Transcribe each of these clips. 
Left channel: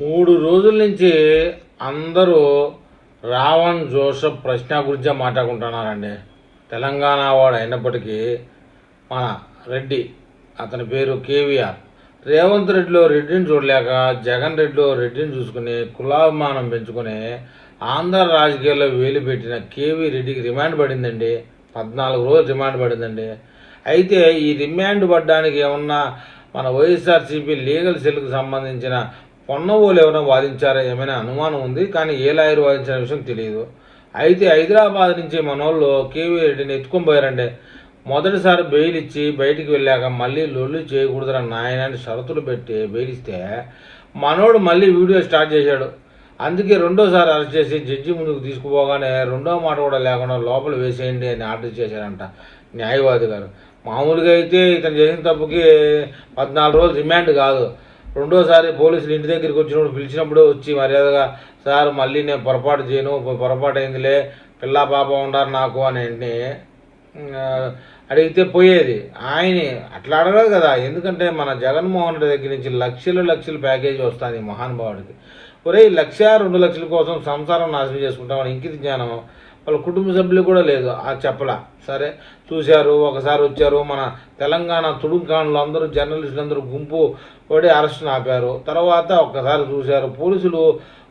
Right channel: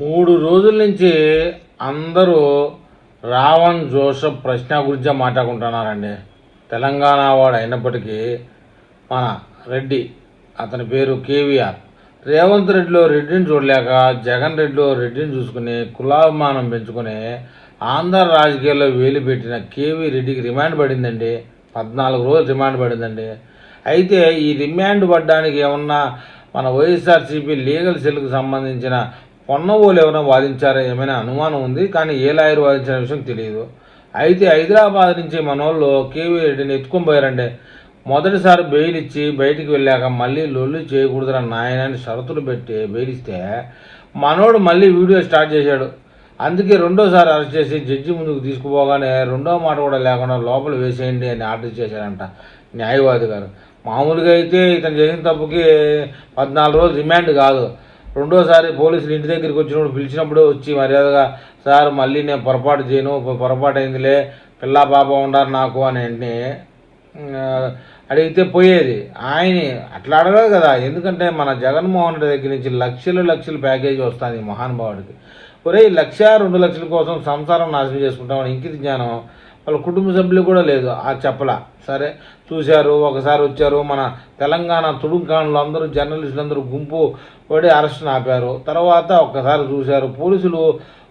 3 రోజుల నుంచి అందరూ రావణ్ జోసెఫ్ ప్రశ్న గురించే మాట్లాడుకుంటున్నారండి. తెలంగాణ వాడు అయినప్పటికీ మన రెడ్డి, అతని పేరు కేవీఆర్, రేవంత్ రెడ్డిలో రెడ్డిని చూడలేక జగన్ రెడ్డిలో రెడ్డిని చూసుకుని కులాభిమానం పెంచుకుని ఆంధ్ర రాజకీయాల్లో వేలు పెట్టిన కేవీ రెడ్డికి రిమాండ్ పడిందండి. 14 రోజులు రిమాండ్ పడిందండి. అయితే ఈ రిమాండ్ పడ్డానికి ఏమన్నా మన వైఎస్ఆర్సీపీ లీగల్ సెల్కి సంబంధించిన పొన్నవోలు ఎవరైనా వాదించారా ఏమైనా అనుమానం ఉంది, కానీ ఏ లాయర్ వాదించిన విషయం తెలియదు. అయితే హైదరాబాద్ నుంచి మన వాళ్ళు కేవీ రెడ్డిని ఎత్తుకొని పోయారండి. మొదటిసారి బెయిల్ ఇచ్చి బయటికి వెళ్ళాక మళ్ళీ లొల్లి చేయకూడదురా నాయనని షరతులు పెట్టి బెయిల్ ఇస్తే మనోడు మళ్ళీ వీడియో స్టార్ట్ చేశాడు. అందుకే రెండోసారి అరెస్ట్ చేసి జడ్జి ముందుకు తీసుకుపోగానే రెండో మాట కూడా లేకుండా లోపల వేసేయండి అని ఆర్డర్ చేశారంట న్యాయవాది గారు. మామూలుగా అయితే ఇతను చేసిన తప్పుకి 14 రోజులు రిమాండ్ కాదు, రెండోసారి పోలీసులు ఇంటి దగ్గరికి వచ్చినప్పుడు పిలిచినప్పుడు వచ్చి మర్యాదగా సార్ మళ్ళీ నేను పొరపాటు చేయను, పొరపాటు అయిందిలే, పిల్లా పాప ఉండారు నాకు అని అడిగితే పోయేది. ఆయన అట్లా అడగదు కదా, ఎందుకంటే మన జగన్మోహన్ రెడ్డి దగ్గర నుంచి లక్షలు ప్యాకేజీ వస్తుంది మహానుభావుడికి. ఒరే 1-2 లక్షల కోసం సంసారం నాశనం చేసుకుంటామని ఇంకిత జ్ఞానం వాళ్ళ కుటుంబ సభ్యులు కూడా లేదు. ఆ చెప్పలా సరే చూశారు, ఒకసారి వచ్చారు, మన తెలంగాణ తుడుంకాణులు అందరూ జర్నలిస్టులు అందరూ గుంపు పడి అరెస్ట్ని ఆపారు. తర్వాత ఒక్కసారి చూశారు పోలీసులు,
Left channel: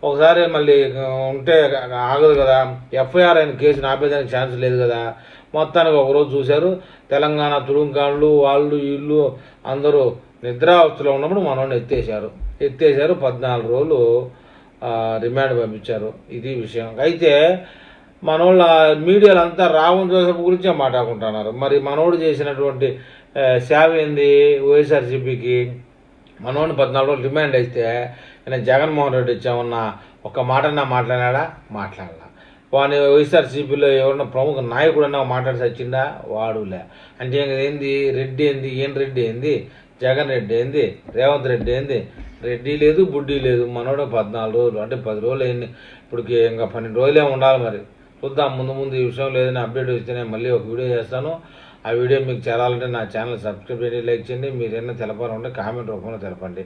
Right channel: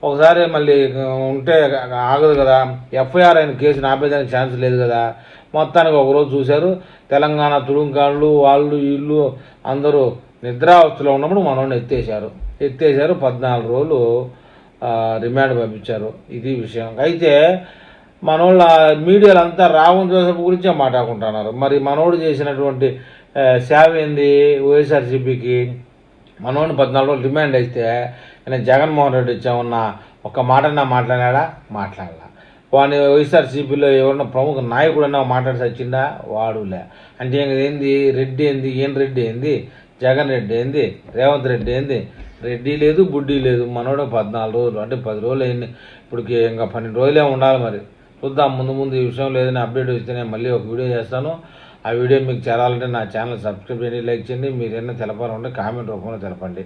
ఒకసారి మళ్ళీ ఉంటే ఆగదు కదా, ఎఫ్ఐఆర్ అయిన కేసుని ఆపేదానికి ఛాన్స్ లేదు కదా. మొత్తానికి ఒకరోజు చూశారు, తెలంగాణ తుడుంకాణులు వాళ్ళు వీళ్ళు అందరూ నిద్రావస్థలో ఉన్నప్పుడు మనోడిని ఎత్తేసారు. 14 రోజులు రిమాండ్ పంపించారు. ఇది విషయం. అయితే మనోళ్ళ మీడియాలో అంతా రావణ్ జోసెఫ్ గురించే మాట్లాడుకుంటున్నారు. మరి మనోడు చేసినటువంటి సేవ ఏంది వైఎస్ఆర్సీపీకి? మనోడిని 14 రోజులు రిమాండ్ అయితే నేను జగన్మోహన్ రెడ్డి ఇచ్చామన్న ఒక మాటన్నా మాట్లాడా? మాట్లాడాల. వాడిని వైఎస్ఆర్సీపీలో ఎవరన్నా ప్రముఖ నాయకుడన్నా మాట్లాడి వచ్చిందా? వాడులే. అంటే ఏంది రెడ్డి ఏంది, ఏం రెడ్డి ఏంది, జగన్ రెడ్డి ఏంది, రేవంత్ రెడ్డి ఏంది, రెడ్డి లేదు బుడ్డి లేదు. మనోడే 14 రోజులు అంటే 10 రోజులు అయింది, ఇప్పటికి ఇంకా 12 రోజులే ఉండాలి. మరి చూద్దాం, ముందు ఈ విషయం లేదని అప్డేట్ వస్తే నేను మళ్ళీ ఒక వీడియో చేస్తాను. ఆ వీడియో మీకు చేరాలంటే నా ఛానల్ సబ్స్క్రైబ్ చేయండి, లైక్ చేయండి. మీరు ఏమైనా తెలపాలంటే కామెంట్ రూపంలో తెలపండి.